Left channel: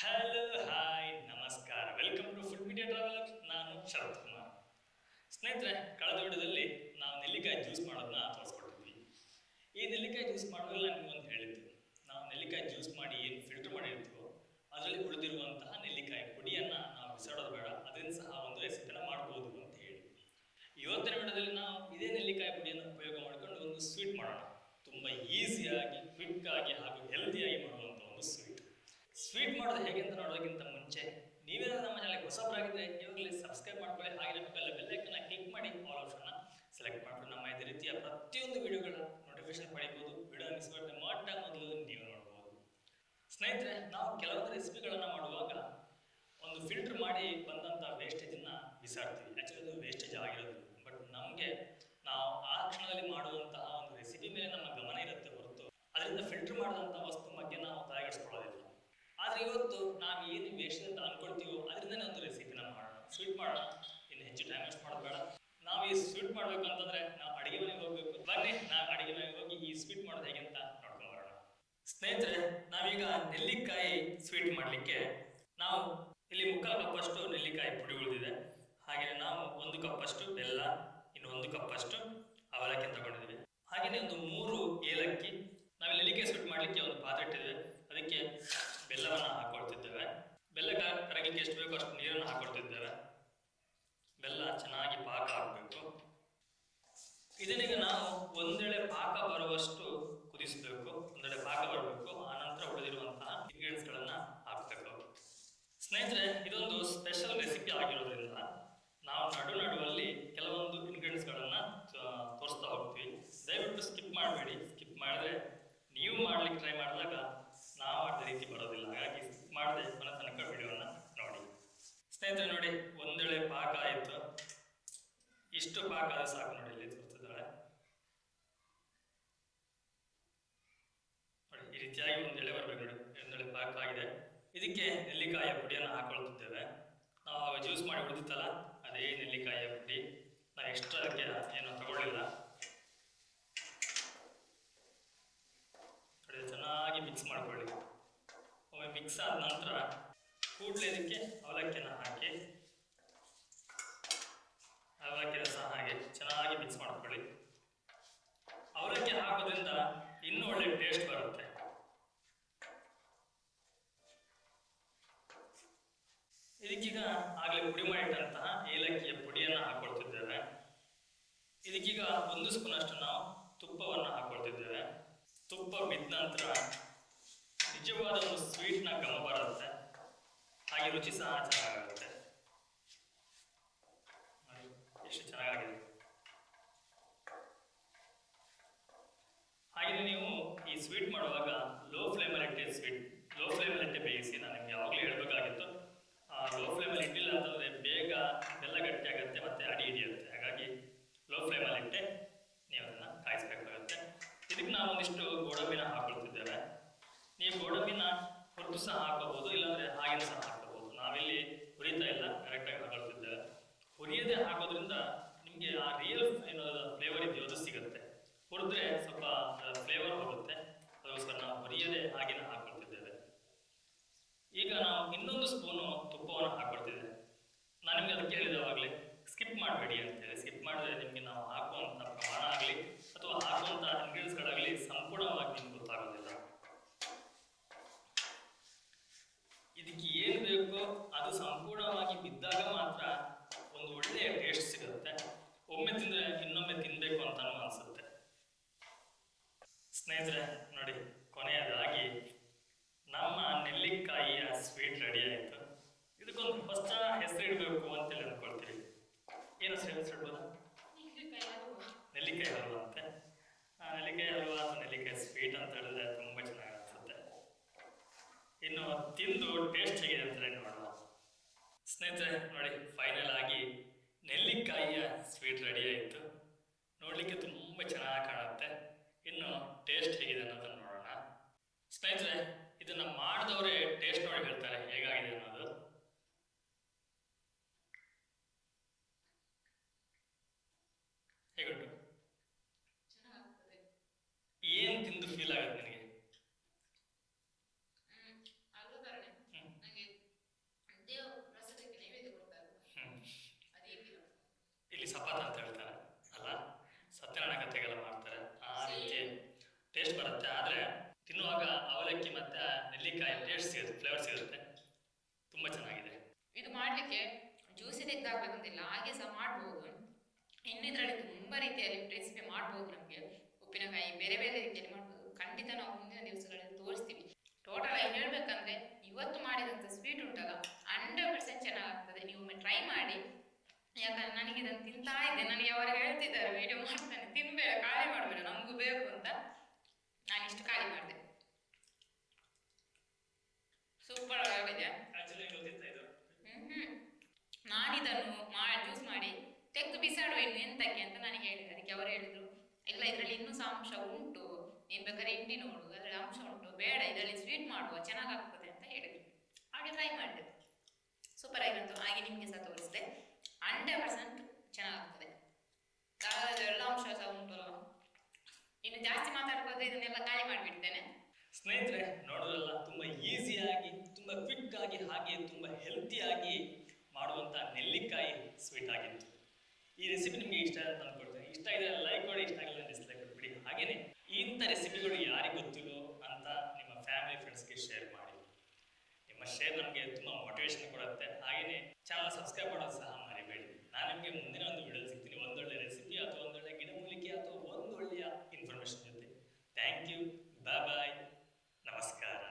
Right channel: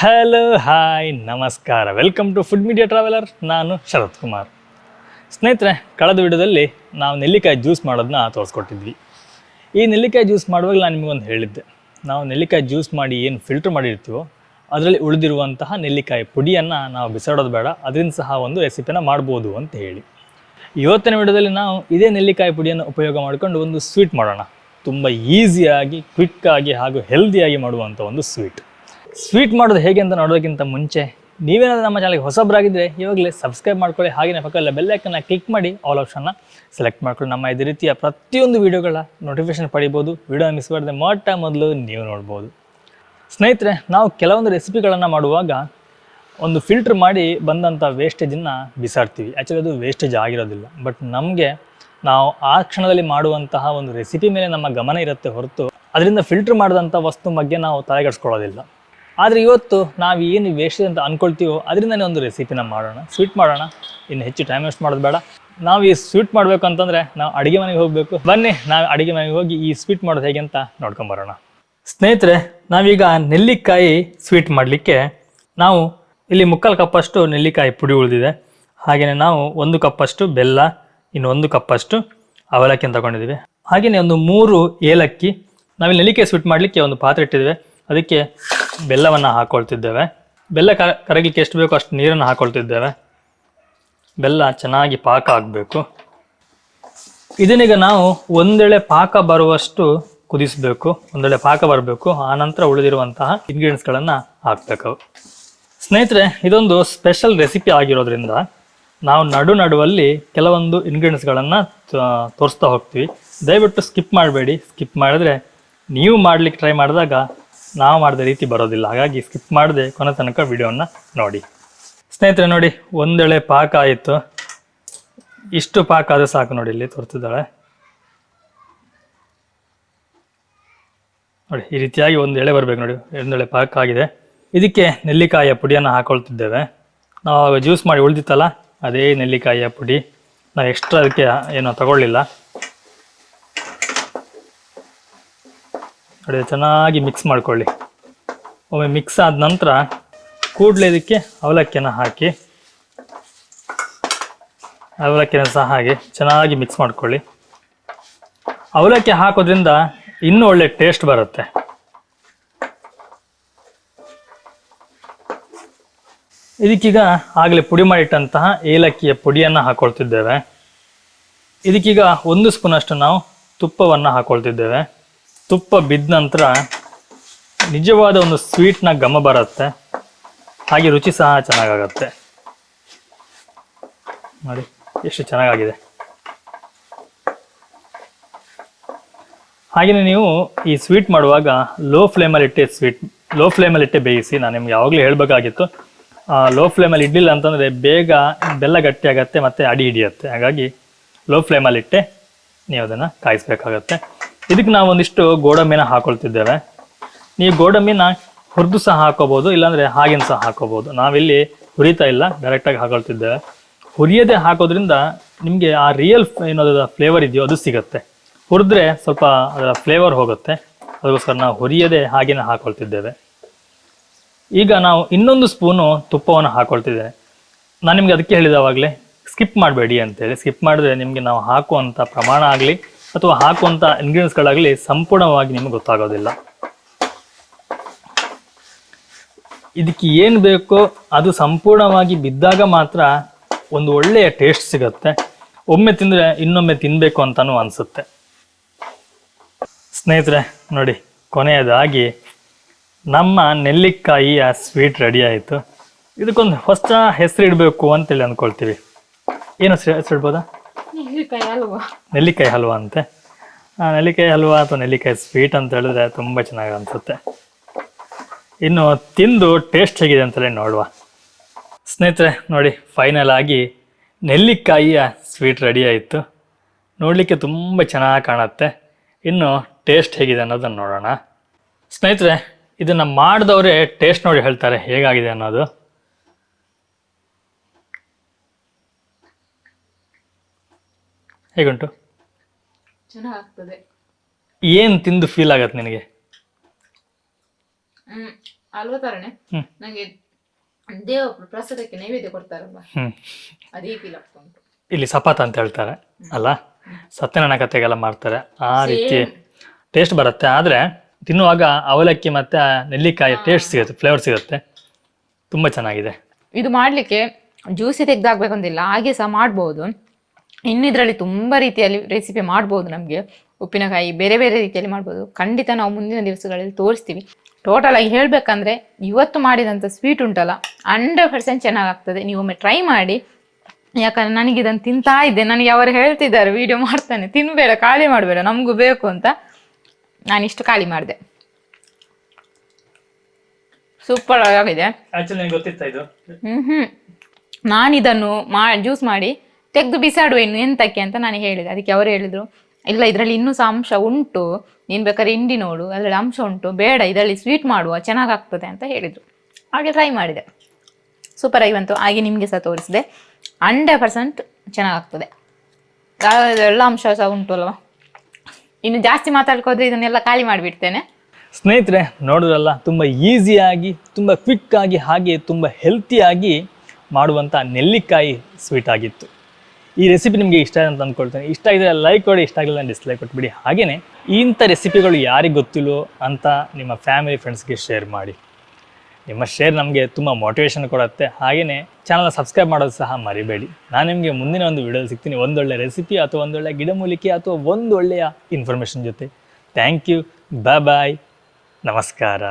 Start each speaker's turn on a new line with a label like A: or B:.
A: Hello hi ನಮಸ್ಕಾರ. Welcome to food media traveller ನಾನು ಶರತ್ ಕುಮಾರ್. ಸ್ನೇಹಿತರೆ, ಕಳೆದ ವಿಡಿಯೋದಲ್ಲಿ ನಾವು ನೆಲ್ಲಿಕಾಯಿ ಜ್ಯೂಸ್ ಮಾಡೋದನ್ನ ತೋರಿಸ್ಕೊಟ್ಟಿದ್ವಿ. ಈ ನೆಲ್ಲಿಕಾಯಿ ಜ್ಯೂಸ್ ಮಾಡುವಾಗ ನಾನು ನಿಮಗೊಂದು ಹೇಳಿದ್ದೆ. ನಾವು ನೆಲ್ಲಿಕಾಯಿ ಜ್ಯೂಸ್ ಮಾಡಿ ಏನು ಫಿಲ್ಟರ್ ಮಾಡಿರ್ತೀವೋ, ಅದರಲ್ಲಿ ಉಳಿದಿರುವಂತಹ ನೆಲ್ಲಿಕಾಯಿ ಪುಡಿಯನ್ನು ನಾವು ಬಿಸಾಡೋದು ಬೇಡ. ಅದರಿಂದ ಸಹ ಒಂದು ರೆಸಿಪಿನ ಮಾಡ್ಬೋದು ಅಂತ ಹೇಳಿ. ಇವತ್ತಿನ ವಿಡಿಯೋದಲ್ಲಿ ನಾವು ಇದೇ ನೆಲ್ಲಿಕಾಯಿ ಪುಡಿಯನ್ನು ಉಪಯೋಗ ಮಾಡಿಕೊಂಡು ಒಂದು ಸ್ವೀಟ್ ಮಾಡೋಣ. ತುಂಬ ಈಸಿಯಾಗಿ ಕ್ವಿಕ್ಕಾಗಿ ಹಾಗೂ ಹೆಲ್ದಿಯಾಗಿ ಮಾಡುವಂಥ ಒಂದು ಸ್ವೀಟ್ ಸ್ವೀಟ್ ಮಾಡೋದು ಹೇಗೆ ಅಂತ ನೋಡೋದಕ್ಕಿಂತ ಮುಂಚೆ, ನೀವೇನಾದರೂ ನಮ್ಮ ಚಾನಲ್ಗೆ ಹೊಸಬ್ರಾಗಿದ್ದರೆ ಇವಾಗಲೇ ಸಬ್ಸ್ಕ್ರೈಬ್ ಮಾಡ್ಕೊಳ್ಳಿ. ಹಾಗೆಯೇ ಪಕ್ಕದಲ್ಲೇ ಬೆಲ್ಲೈಕನ್ನ ಕ್ಲಿಕ್ ಮಾಡಿ ಆಲ್ ಆಪ್ಷನ್ನ ಸೆಲೆಕ್ಟ್ ಮಾಡ್ಕೊಳ್ಳಿ. ನಮ್ಮ ಇದೇ ರೀತಿಯ ಪ್ರತಿಯೊಂದು ವೀಡಿಯೋಗಳ ನೋಟಿಫಿಕೇಶನ್ ಪಡಿಬೋದು. ವೀಡಿಯೋ ಮಿಸ್ ಮಾಡದೆ ಮೊಟ್ಟ ಮೊದಲು ನೀವು ನೋಡ್ಬೋದು. ಸ್ನೇಹಿತರೆ, ನಾವು ಕೆಲವೊಂದು ರೆಸಿಪಿಗಳನ್ನು ಮಾಡುವಾಗ ಒಂದು ಫಿಲ್ಟರ್ ಮಾಡಿ ಬಂದಂಥ ವೇಸ್ಟೇಜನ್ನು ಬಿಸಾಡ್ತೀವಿ. ಆ್ಯಕ್ಚುಲಿ ಅದು ವೇಸ್ಟೇಜ್ ಆಗಿರೋದಿಲ್ಲ. ಬಟ್ ನಮಗೆ ನಾವು ಆ ಕ್ಷಣದಲ್ಲಿ ಮಾಡುವಂತಹ ಒಂದು ರೆಸಿಪಿ ಮೇಲೆ ನಮ್ಮ ಗಮನ ಇರುತ್ತೆ ಹೊರತು, ಅದರಿಂದ ಫಿಲ್ಟರ್ ಮಾಡಿದಂಥ ವಸ್ತು ಬಗ್ಗೆ ನಾವು ತಲೆಗೆಡ್ಸ್ಕೊಳ್ಳೋದಿಲ್ಲ ಆದರೆ ಇವತ್ತು ನಾವು ಏನು ವೇಸ್ಟ್ ಅಂತ ಅಂದ್ಕೊಳ್ತೀವೋ ಅದರಿಂದನೇ ಒಂದು ರೆಸಿಪಿನ ಮಾಡೋಣ. ಸ್ವೀಟ್ ಮಾಡೋಣ. ಇನ್ನು ಹೆಚ್ಚು ಟೈಮ್ ವೇಸ್ಟ್ ಮಾಡೋದು ಬೇಡ. ನಾವು ಈ ಸ್ವೀಟ್ ಮಾಡಬೇಕು ಅಂತಂದರೆ ನಾವು ಅಡುಗೆ ಮನೆಗೆ ಹೋಗಬೇಕು. ಬನ್ನಿ, ನಾವು ಅಡುಗೆ ಮನೆಗೆ ಹೋಗಿ ಈ ಸ್ವೀಟ್ ಮಾಡೋದು ಹೇಗೆ ಅಂತ ನೋಡ್ಕೊಂಬರೋಣ ಸ್ನೇಹಿತರೆ, ನಾವೀಗ ನೆಲ್ಲಿಕಾಯಿ ಸ್ವೀಟ್ ಮಾಡಲಿಕ್ಕೆ ನಾವು ಇಲ್ಲಿ ಮುಕ್ಕಾಲು ಕಪ್ಪಷ್ಟು ನೆಲ್ಲಿಕಾಯಿ ಪುಡಿ ಉಳಿದಿದೆ. ಹಾಗೆಯೇ ನಾವು ಒಂದು ಕಪ್ಪಷ್ಟು ಬೆಲ್ಲ, ಇನ್ನು ಒಂದು ಕಪ್ಪಷ್ಟು ಅವಲಕ್ಕಿ ತಗೊಂಡಿದ್ದೀವಿ. ಹಾಗೆಯೇ ಒಂದು ಮೂರು ಏಲಕ್ಕಿ ನಾವಿಲ್ಲಿ ನೆಲ್ಲಿಕಾಯಿ ಸ್ವೀಟ್ ಮಾಡಲಿಕ್ಕೆ ಒಂದು ಪಾತ್ರೆ ಇಟ್ಟಿದ್ದೇವೆ. ಅದಕ್ಕೆ ಬೆಲ್ಲವನ್ನು ಹಾಕೊಳ್ತಿದ್ದೇವೆ. ಬೆಲ್ಲ ಕರ ಕರಗಲಿಕ್ಕೆ ಎಷ್ಟು ಬೇಕೋ ಅಷ್ಟು ನೀರನ್ನು ಹಾಕ್ಕೊಳ್ತಿದ್ದೇವೆ ಬೆಲ್ಲ ಚೆನ್ನಾಗಿ ಪಾಕ ಆಗಬೇಕು. ಇದನ್ನೀಗ ನಾವು ಒಂದೆಳೆ ಪಾಕ ಬರುವಷ್ಟು ಕುದಿಸಬೇಕು. ಒಂದೆಳೆ ಪಾಕ ಬರಬೇಕು. ಆನಂತರ ಉಳಿದಿರುವಂತಹ ಇಂಗ್ರೀಡಿಯೆಂಟ್ಸ್ಗಳನ್ನು ಹಾಕಬೇಕು. ಸ್ನೇಹಿತರೆ, ಇದೊಂದು ಸ್ಪೆಷಲ್ ರೆಸಿಪಿ ಆಗಿರೋದ್ರಿಂದ ನಾವು ನಡು ನಡುವಲ್ಲಿ ಕೆಲವೊಂದು ಇಂಗ್ರೀಡಿಯೆಂಟ್ಸ್ಗಳನ್ನು ತೋರಿಸ್ತಾ ಹೋಗ್ತೀವಿ. ದಯವಿಟ್ಟು ಸ್ಕಿಪ್ ಮಾಡಬೇಡಿ. ಸ್ಕಿಪ್ ಮಾಡಿದ್ರೆ ನೀವು ಮಾಡಲಿಕ್ಕೆ ಟ್ರೈ ಮಾಡಿದಾಗ ನಾವು ಮಾಡಿದ ರೀತಿ ಬರೋದಿಲ್ಲ. ಹಾಗಾಗಿ ಸ್ಕಿಪ್ ಮಾಡದೆ ಕೊನೆ ತನಕ ವಿಡಿಯೋನ ನೋಡಿ. ಸ್ನೇಹಿತರೆ ನೋಡಿ, ಒಂದೆಳೆ ಪಾಕ ಆಯಿತು. ಇಷ್ಟು ಪಾಕ ಆದರೆ ಸಾಕು ನೋಡಿ ಇಲ್ಲಿ ತೋರ್ತಿದ್ದಾಳೆ. ನೋಡಿ, ಈ ರೀತಿಯಾಗಿ ಒಂದು ಎಳೆ ಬರಬೇಕು ನೋಡಿ. ಒಂದೆಳೆ ಪಾಕ ಆಗಿದೆ. ಇದಕ್ಕೆ ನೆಲ್ಲಿಕಾಯಿಯ ಪುಡಿಯನ್ನು ಹಾಕೊಳ್ತಿದ್ದೇವೆ. ನಾವು ಜ್ಯೂಸ್ ಮಾಡಿ ಉಳಿದಿತ್ತಲ್ಲ, ಅದೇ ನೆಲ್ಲಿಕಾಯಿಯ ಪುಡಿ. ನಾವು ಎಕ್ಸ್ಟ್ರಾ ಅದಕ್ಕೆ ಏನೋ ತಗೊಳ್ಳಿಲ್ಲ. ನೋಡಿ ಚೆನ್ನಾಗಿ ಮಿಕ್ಸ್ ಮಾಡ್ಕೊಳ್ಳಿ. ಒಮ್ಮೆ ಮಿಕ್ಸ್ ಆದ ನಂತರ ಕೂಡಲೇ ಇದಕ್ಕೆ ಅವಲಕ್ಕಿಯನ್ನ ಹಾಕಿ. ಅವಲಕ್ಕಿನ ಸಹ ಹಾಗೆ ಚೆನ್ನಾಗಿ ಮಿಕ್ಸ್ ಮಾಡ್ಕೊಳ್ಳಿ. ಅವಲಕ್ಕಿ ಹಾಕೋದ್ರಿಂದ ಇನ್ನೂ ಒಳ್ಳೆ ಟೇಸ್ಟ್ ಬರುತ್ತೆ. ಇದಕ್ಕೀಗ ಆಗಲೇ ಪುಡಿ ಮಾಡಿಟ್ಟಂತಹ ಏಲಕ್ಕಿಯ ಪುಡಿಯನ್ನು ಹಾಕೊಳ್ತಿದ್ದೇವೆ. ಇದಕ್ಕೀಗ ಒಂದು ಸ್ಪೂನಷ್ಟು ನಾವು ತುಪ್ಪವನ್ನು ಹಾಕೊಳ್ತಿದ್ದೇವೆ. ತುಪ್ಪ ಬಿದ್ದ ನಂತರ ನಿಜವಾದ ಒಂದು ಸ್ವೀಟ್ನ ಗಮ ಬರುತ್ತೆ. ಹಾಗೆ ರುಚಿ ಸಹ ಚೆನ್ನಾಗಾಗತ್ತೆ. ನೋಡಿ, ಎಷ್ಟು ಚೆನ್ನಾಗಾಗಿದೆ. ಹಾಗೆಯೇ ನೀವು ಈ ಸ್ವೀಟ್ ಮಾಡುವಾಗ ಲೋ ಫ್ಲೇಮಲ್ಲಿ ಇಟ್ಟೆ ಸ್ವೀಟ್ ಲೋ ಫ್ಲೇಮಲ್ಲಿ ಇಟ್ಟೆ ಬೇಯಿಸಿ, ನಾನು ನಿಮ್ಗೆ ಯಾವಾಗಲೂ ಹೇಳಬೇಕಾಗಿತ್ತು ಲೋ ಫ್ಲೇಮಲ್ಲಿ ಇಡ್ಲಿಲ್ಲ ಅಂತಂದರೆ ಬೇಗ ಬೆಲ್ಲ ಗಟ್ಟಿ ಆಗತ್ತೆ ಮತ್ತು ಅಡಿ ಹಿಡಿಯುತ್ತೆ. ಹಾಗಾಗಿ ಲೋ ಫ್ಲೇಮಲ್ಲಿ ಇಟ್ಟೆ, ನೀವು ಅದನ್ನು ಕಾಯಿಸ್ಬೇಕಾಗತ್ತೆ. ಇದಕ್ಕೆ ನಾವು ಒಂದಿಷ್ಟು ಗೋಡಂಬಿನ ಹಾಕೊಳ್ತಿದ್ದೇವೆ. ನೀವು ಗೋಡಂಬಿನ ಹುರಿದು ಸಹ ಹಾಕೋಬಹುದು ಇಲ್ಲಾಂದರೆ ಹಾಗೇನು ಸಹ ಹಾಕೋಬಹುದು ನಾವಿಲ್ಲಿ ಹುರಿತಾ ಇಲ್ಲ ಡೈರೆಕ್ಟಾಗಿ ಹಾಕೊಳ್ತಿದ್ದೇವೆ. ಹುರಿಯದೆ ಹಾಕೋದ್ರಿಂದ ನಿಮಗೆ ಆ ರಿಯಲ್ ಏನೋದ ಫ್ಲೇವರ್ ಇದೆಯೋ ಅದು ಸಿಗುತ್ತೆ. ಹುರಿದ್ರೆ ಸ್ವಲ್ಪ ಅದರ ಫ್ಲೇವರ್ ಹೋಗುತ್ತೆ. ಅದಕ್ಕೋಸ್ಕರ ನಾವು ಹುರಿಯದೆ ಹಾಗೇನೆ ಹಾಕೊಳ್ತಿದ್ದೇವೆ. ಈಗ ನಾವು ಇನ್ನೊಂದು ಸ್ಪೂನು ತುಪ್ಪವನ್ನು ಹಾಕೊಳ್ತಿದ್ದೇವೆ. ನಾನು ನಿಮಗೆ ಅದಕ್ಕೆ ಹೇಳಿದವಾಗಲೇ ಸ್ಕಿಪ್ ಮಾಡಬೇಡಿ ಅಂತೇಳಿ. ಸ್ಕಿಪ್ ಮಾಡಿದ್ರೆ ನಿಮಗೆ ನಾವು ಹಾಕುವಂಥ ಪ್ರಮಾಣ ಆಗಲಿ ಅಥವಾ ಹಾಕುವಂಥ ಇಂಗ್ರೀಡಿಯೆಂಟ್ಸ್ಗಳಾಗಲಿ ಸಂಪೂರ್ಣವಾಗಿ ನಿಮಗೆ ಗೊತ್ತಾಗೋದಿಲ್ಲ. ಇದಕ್ಕೆ ಏನು ಬೇಕೋ ಅದು ಸಂಪೂರ್ಣವಾಗಿ ಬಿದ್ದಾಗ ಮಾತ್ರ ಒಂದು ಒಳ್ಳೆಯ ಟೇಸ್ಟ್ ಸಿಗುತ್ತೆ. ಒಮ್ಮೆ ತಿಂದರೆ ಇನ್ನೊಮ್ಮೆ ತಿನ್ನಬೇಕು ಅಂತಲೂ ಅನಿಸುತ್ತೆ. ಸ್ನೇಹಿತರೆ, ನೋಡಿ, ಕೊನೆಯದಾಗಿ ನಮ್ಮ ನೆಲ್ಲಿಕಾಯಿಯ ಸ್ವೀಟ್ ರೆಡಿ ಆಯಿತು. ಇದಕ್ಕೊಂದು ಹೊಸ ಹೆಸರು ಇಡಬೇಕು ಅಂತೇಳಿ ಅಂದ್ಕೊಳ್ತೀವಿ. ಏನು ಹೆಸರು ಇಡ್ಬೋದಾ?
B: ನೆಲ್ಲಿಕಾಯಿ ಹಲ್ವಾ.
A: ನೆಲ್ಲಿಕಾಯಿ ಹಲ್ವಾ ಅಂತೆ. ನೆಲ್ಲಿಕಾಯಿ ಹಲ್ವಾ ಅಥವಾ ನೆಲ್ಲಿಕಾಯಿ ಸ್ವೀಟ್ ಅಂತ ಹೇಳಿದ್ರೆ ತುಂಬ ಚೆನ್ನಾಗಿ ಅನಿಸುತ್ತೆ. ಇನ್ನು ತಿಂದು ಟೇಸ್ಟ್ ಹೇಗಿದೆ ಅಂತಲೇ ನೋಡುವ. ಸ್ನೇಹಿತರೆ, ನೋಡಿ ಫೈನಲ್ ಆಗಿ ನೆಲ್ಲಿಕಾಯಿಯ ಸ್ವೀಟ್ ರೆಡಿ ಆಯಿತು. ನೋಡಲಿಕ್ಕೆ ತುಂಬ ಚೆನ್ನಾಗಿ ಕಾಣುತ್ತೆ. ಇನ್ನು ಟೇಸ್ಟ್ ಹೇಗಿದೆ ಅನ್ನೋದನ್ನು ನೋಡೋಣ. ಸ್ನೇಹಿತರೆ, ಇದನ್ನು ಮಾಡಿದವರೇ ಟೇಸ್ಟ್ ನೋಡಿ ಹೇಳ್ತಾರೆ ಹೇಗಾಗಿದೆ ಅನ್ನೋದು. ಹೇಗುಂಟು?
B: ಚೆನ್ನಾಗ್ತದೆ
A: ಏನು ತಿಂದು ಫೀಲ್ ಆಗತ್ತೆ ನಿನಗೆ?
B: ಹ್ಮ್. ನಂಗೆ ದೇವ ಪ್ರಸಾದಕ್ಕೆ ನೈವೇದ್ಯ ಕೊಡ್ತಾರಲ್ವಾ?
A: ಹ್ಮ್.
B: ಅದೇ ಫೀಲ್ ಆಗ್ತಾ ಉಂಟು.
A: ಇಲ್ಲಿ ಸಪಾತ ಅಂತ ಹೇಳ್ತಾರೆ ಅಲ್ಲ? ಸತ್ಯನಾರಾಯಣ ಕಥೆಗೆಲ್ಲ ಮಾಡ್ತಾರೆ ಆ ರೀತಿ ಟೇಸ್ಟ್ ಬರುತ್ತೆ. ಆದರೆ ತಿನ್ನುವಾಗ ಅವಲಕ್ಕಿ ಮತ್ತು ನೆಲ್ಲಿಕಾಯಿ ಟೇಸ್ಟ್ ಸಿಗುತ್ತೆ ಫ್ಲೇವರ್ ಸಿಗುತ್ತೆ. ತುಂಬ ಚೆನ್ನಾಗಿದೆ.
B: ಇದು ಮಾಡ್ಲಿಕ್ಕೆ ಜ್ಯೂಸಿ ತೆಗ್ದಾಕ್ಬೇಕಂತಿಲ್ಲ ಹಾಗೆ ಸಹ ಮಾಡ್ಬೋದು. ಇನ್ನು ಇದರಲ್ಲಿ ತುಂಬ ರೀತಿಯಲ್ಲಿ ರೆಸಿಪಿ ಮಾಡ್ಬೋದು ನಮಗೆ. ಉಪ್ಪಿನಕಾಯಿ ಬೇರೆ ಬೇರೆ ರೀತಿಯಲ್ಲಿ ಮಾಡ್ಬೋದು. ಖಂಡಿತ ನಾವು ಮುಂದಿನ ದಿವಸಗಳಲ್ಲಿ ತೋರಿಸ್ತೀವಿ. ಟೋಟಲ್ ಆಗಿ ಹೇಳಬೇಕಂದ್ರೆ ಇವತ್ತು ಮಾಡಿದಂಥ ಸ್ವೀಟ್ ಉಂಟಲ್ಲ ಹಂಡ್ರೆಡ್ ಪರ್ಸೆಂಟ್ ಚೆನ್ನಾಗಾಗ್ತದೆ ನೀವು ಒಮ್ಮೆ ಟ್ರೈ ಮಾಡಿ. ಯಾಕಂದ್ರೆ ನನಗೆ ಇದನ್ನು ತಿಂತಾ ಇದ್ದೆ. ನನಗೆ ಅವರು ಹೇಳ್ತಿದ್ದಾರೆ ವಿಡಿಯೋ ಮಾಡ್ತಾನೆ. ತಿನ್ಬೇಡ ಖಾಲಿ ಮಾಡಬೇಡ. ನಮಗೂ ಬೇಕು ಅಂತ. ನಾನಿಷ್ಟು ಖಾಲಿ ಮಾಡಿದೆ. ಸೂಪರ್ ಆಗಿದೆ. ಹ್ಮ್ ಹ್ಮ್. ನಾನಿದನ್ನು ಮಾ ಜ್ಯೂಸ್ ಮಾಡಿ ತೆಗೆದು ಬಿಸಾಡುವ ಇನ್ನು ಎಂತಕ್ಕೆ ಅಂತ ನಾನು ಹೇಳಿದೆ. ಅದಕ್ಕೆ ಅವರು ಹೇಳಿದ್ರು, ಇಲ್ಲ ಇದರಲ್ಲಿ ಇನ್ನೂ ಸಹ ಅಂಶ ಉಂಟು, ನೀನು ಬೇಕಾದ್ರೆ ಹಿಂಡಿ ನೋಡು, ಅದರಲ್ಲಿ ಅಂಶ ಉಂಟು, ಬೇಡ, ಇದರಲ್ಲಿ ಸ್ವೀಟ್ ಮಾಡುವ ಚೆನ್ನಾಗಾಗ್ತದೆ ಅಂತ ಹೇಳಿದರು. ಹಾಗೆ ಟ್ರೈ ಮಾಡಿದೆ. ಸೂಪರ್ ಆಗಿ ಬಂತು. ಹಾಗೆ ನಿಮಗೆ ಸಹ ತೋರಿಸಿದೆ. ಹಂಡ್ರೆಡ್ ಪರ್ಸೆಂಟ್ ಚೆನ್ನಾಗಾಗ್ತದೆ ಎಲ್ಲ ಅಂಶ ಸಹ ಉಂಟು ಅಲ್ವಾ ಇನ್ನು ಜಾಸ್ತಿ ಮಾತಾಡ್ಕೋದ್ರೆ ಇದನ್ನೆಲ್ಲ ಖಾಲಿ ಮಾಡಿಬಿಡ್ತೇನೆ.
A: ಸ್ನೇಹಿತರೆ, ನೋಡಿದ್ರಲ್ಲ, ತುಂಬ ಈಸಿಯಾಗಿ ತುಂಬ ಕ್ವಿಕ್ಕಾಗಿ ಹಾಗೆ ತುಂಬ ಹೆಲ್ತಿಯಾಗಿ ಮಾಡುವಂಥ ನೆಲ್ಲಿಕಾಯಿ ಸ್ವೀಟ್ ಆಗಿತ್ತು. ಈ ರೆಸಿಪಿ ನಿಮಗೆ ಇಷ್ಟ ಅಂತ ಅಂದ್ಕೊಳ್ತೇನೆ. ಇಷ್ಟ ಆಗಿದ್ರೆ ಲೈಕ್ ಕೊಡಿ ಇಷ್ಟ ಆಗಿಲ್ಲ ಡಿಸ್ಲೈಕ್ ಕೊಟ್ಬಿಡಿ. ಹಾಗೆಯೇ ಇಂಥ ರೆಸಿಪಿಗಳು ಯಾರಿಗೆ ಗೊತ್ತಿಲ್ಲೋ ಅಂತ ನಿಮ್ಮ ಫ್ಯಾಮಿಲಿ ಫ್ರೆಂಡ್ಸ್ಗೆ ಶೇರ್ ಮಾಡಿ. ನಿಮ್ಮ ಶೇರ್ ನಮಗೆ ತುಂಬ ಮೋಟಿವೇಶನ್ ಕೊಡುತ್ತೆ. ಹಾಗೆಯೇ ಚಾನಲ್ ಸಬ್ಸ್ಕ್ರೈಬ್ ಮಾಡೋದು ಸಹ ಮರಿಬೇಡಿ. ನಾನು ನಿಮಗೆ ಮುಂದಿನ ಒಂದು ವಿಡಿಯೋದಲ್ಲಿ ಸಿಗ್ತೀನಿ. ಒಂದೊಳ್ಳೆ ರೆಸಿಪಿ ಅಥವಾ ಒಂದೊಳ್ಳೆ ಗಿಡಮೂಲಿಕೆ ಅಥವಾ ಒಂದೊಳ್ಳೆಯ ಇನ್ಫಾರ್ಮೇಷನ್ ಜೊತೆ. ಥ್ಯಾಂಕ್ ಯು ಬಾಯ್ ಬಾಯ್ ನಮಸ್ಕಾರ.